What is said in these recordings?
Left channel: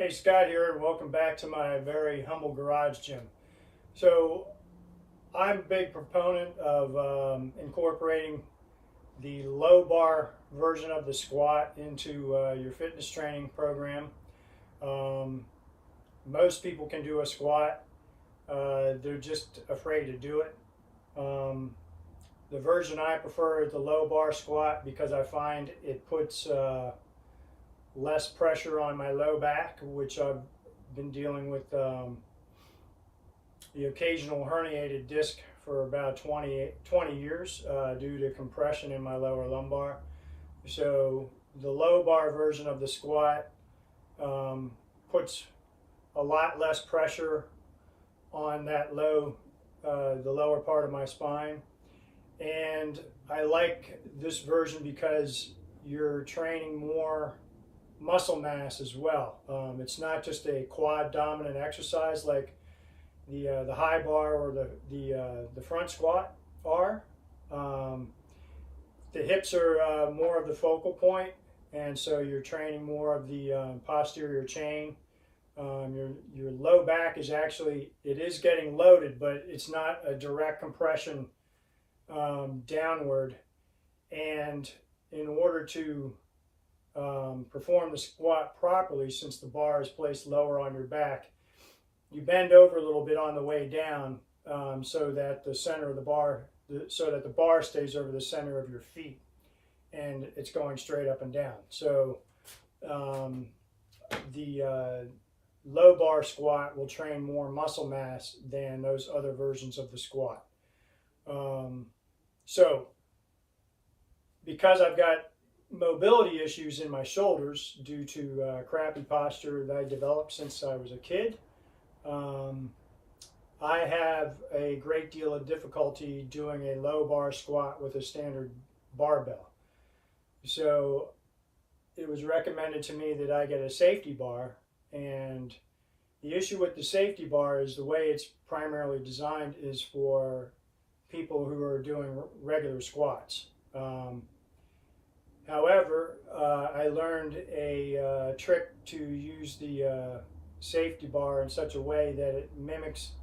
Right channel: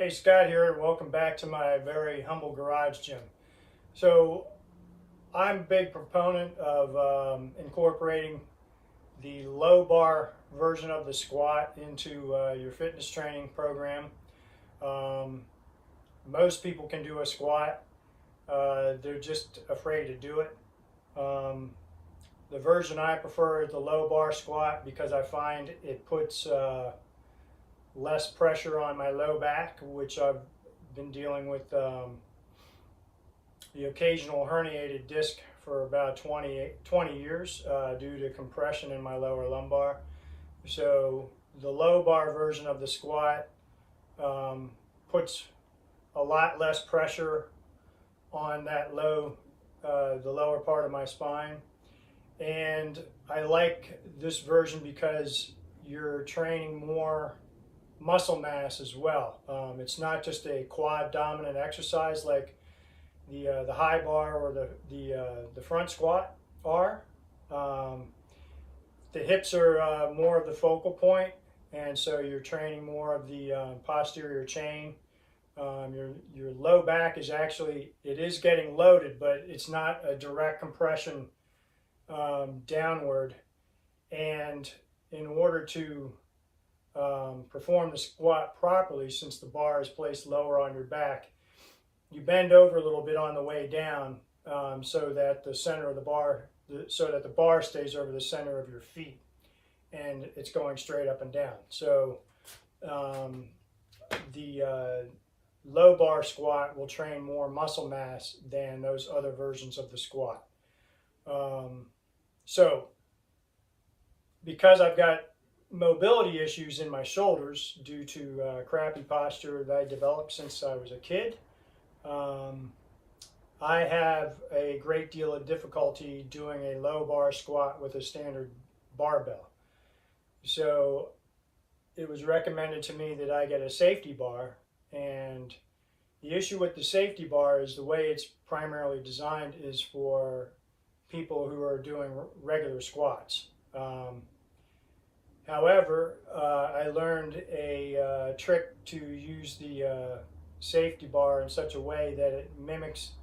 Hey, Scott here, and welcome back to my very humble garage gym. So, I'm a big proponent of incorporating the low bar version of the squat into your fitness training program. Um, Most people can do a squat, they're just afraid to do it. Um, the version I prefer is the low bar squat because I find it puts less pressure on my low back, which I've been dealing with the occasional herniated disc for about 20 years due to compression in my lower lumbar. So the low bar version of the squat puts a lot less pressure on that the lower part of my spine. And I like this version because you're training more muscle mass as well. It's not just a quad dominant exercise like the high bar or the front squat are. The hips are more of the focal point, and so you're training more of the posterior chain. Your low back is actually, it is getting loaded, but it's not a direct compression downward. And in order to perform the squat properly, since the bar is placed lower on your back, you bend over a little bit on the way down so that the center of the bar, so that the bar stays over the center of your feet and it's going straight up and down. So the low bar squat will train more muscle mass than those other versions of the squat. So because I've got mobility issues in my shoulders due to crappy posture that I developed since I was a kid, I have a great deal of difficulty doing a low bar squat with a standard barbell. So it was recommended to me that I get a safety bar, and the issue with the safety bar is the way it's primarily designed is for people who are doing regular squats. However, I learned a trick to use the safety bar in such a way that it mimics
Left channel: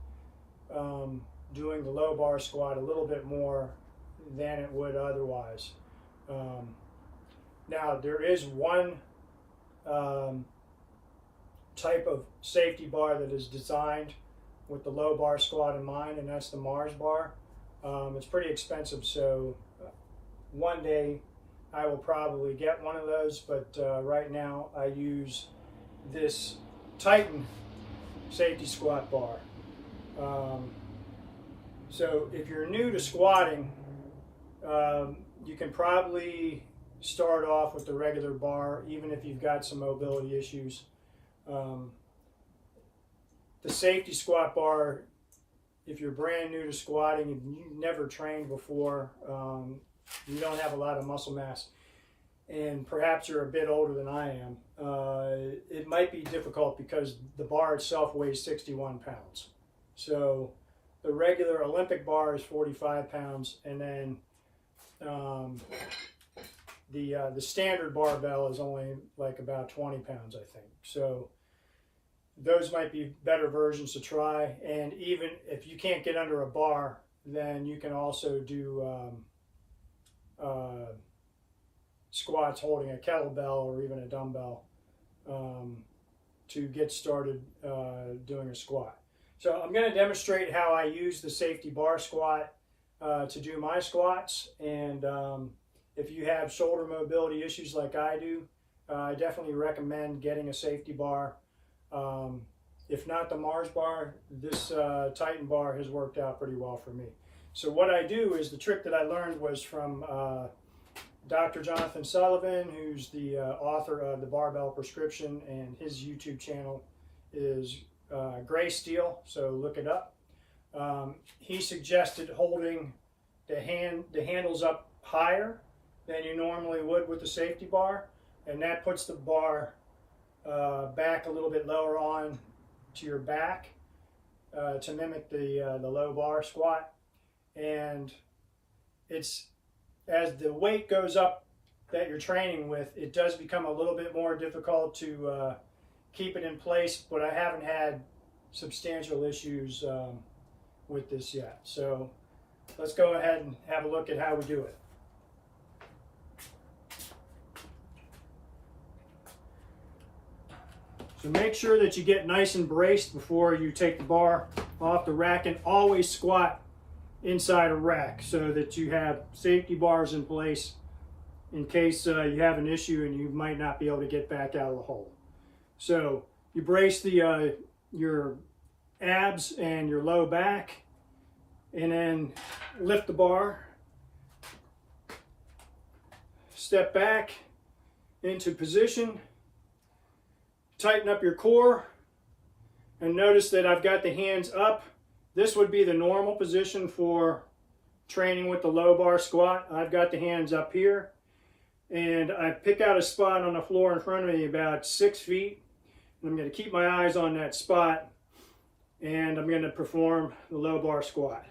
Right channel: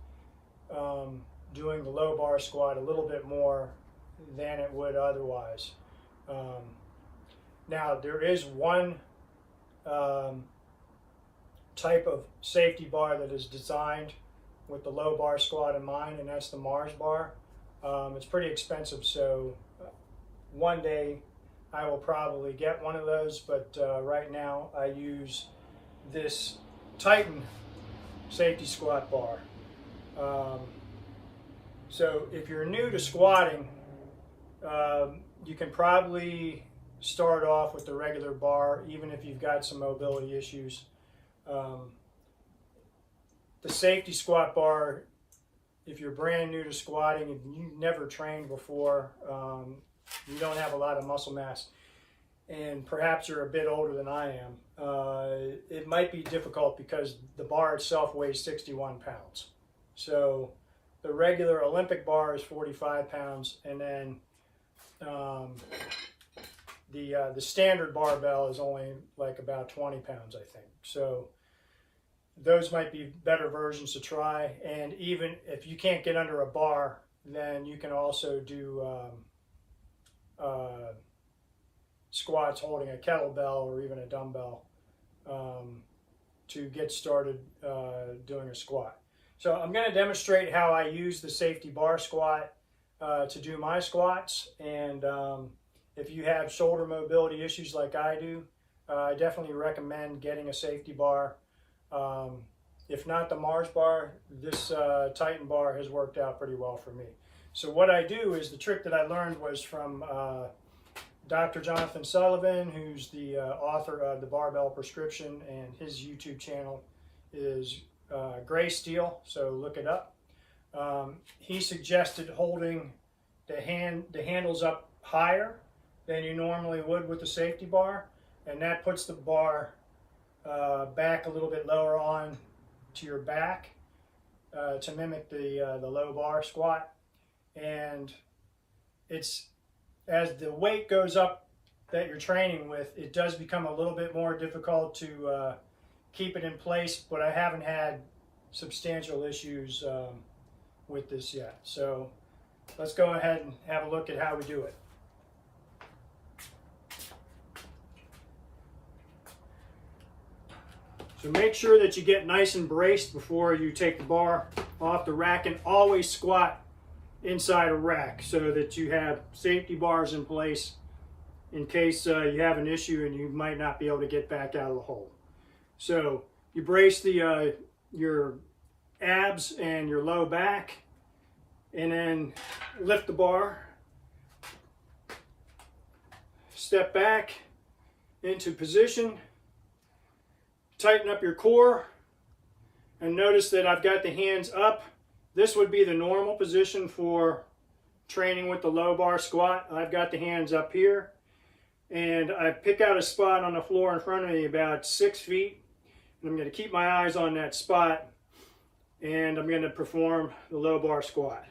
doing the low bar squat a little bit more than it would otherwise. Now, there is one type of safety bar that is designed with the low bar squat in mind, and that's the Mars bar. It's pretty expensive, so one day I will probably get one of those, but right now I use this Titan safety squat bar. So if you're new to squatting, you can probably start off with the regular bar, even if you've got some mobility issues. The safety squat bar, if you're brand new to squatting and you've never trained before, you don't have a lot of muscle mass, and perhaps you're a bit older than I am, it might be difficult because the bar itself weighs 61 pounds. So the regular Olympic bar is 45 pounds, and then the standard barbell is only like about 20 pounds, I think. So those might be better versions to try. And even if you can't get under a bar, then you can also do squats holding a kettlebell or even a dumbbell to get started doing a squat. So I'm going to demonstrate how I use the safety bar squat to do my squats. And if you have shoulder mobility issues like I do, I definitely recommend getting a safety bar. If not the Mars bar, this Titan bar has worked out pretty well for me. So what I do is, the trick that I learned was from Dr. Jonathan Sullivan, who's the author of The Barbell Prescription, and his YouTube channel is Gray Steel, so look it up. He suggested holding the handles up higher than you normally would with the safety bar, and that puts the bar back a little bit lower on to your back to mimic the low bar squat. And it's, as the weight goes up that you're training with, it does become a little bit more difficult to keep it in place, but I haven't had substantial issues with this yet. So let's go ahead and have a look at how we do it. So make sure that you get nice and braced before you take the bar off the rack, and always squat inside a rack so that you have safety bars in place in case you have an issue and you might not be able to get back out of the hole. So you brace your abs and your low back, and then lift the bar, step back into position, tighten up your core, and notice that I've got the hands up. This would be the normal position for training with the low bar squat. I've got the hands up here, and I pick out a spot on the floor in front of me about 6 feet, and I'm going to keep my eyes on that spot, and I'm going to perform the low bar squat.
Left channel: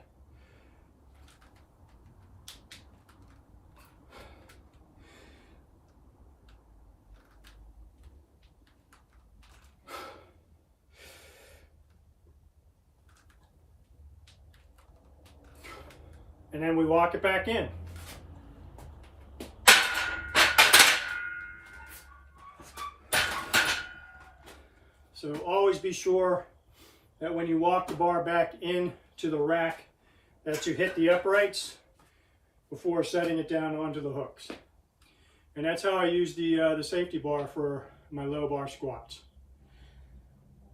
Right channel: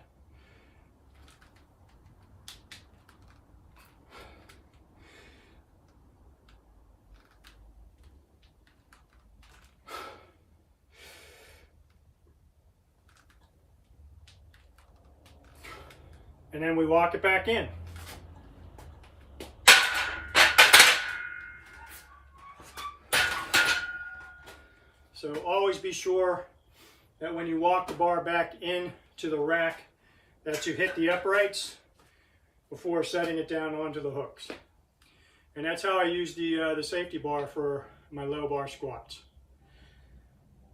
And then we walk it back in. So always be sure that when you walk the bar back into the rack that you hit the uprights before setting it down onto the hooks. And that's how I use the safety bar for my low bar squats.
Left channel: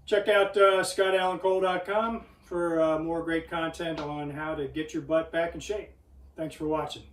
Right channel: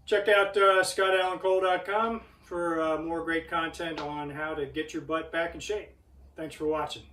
Check out scottallencole.com for more great content on how to get your butt back in shape. Thanks for watching.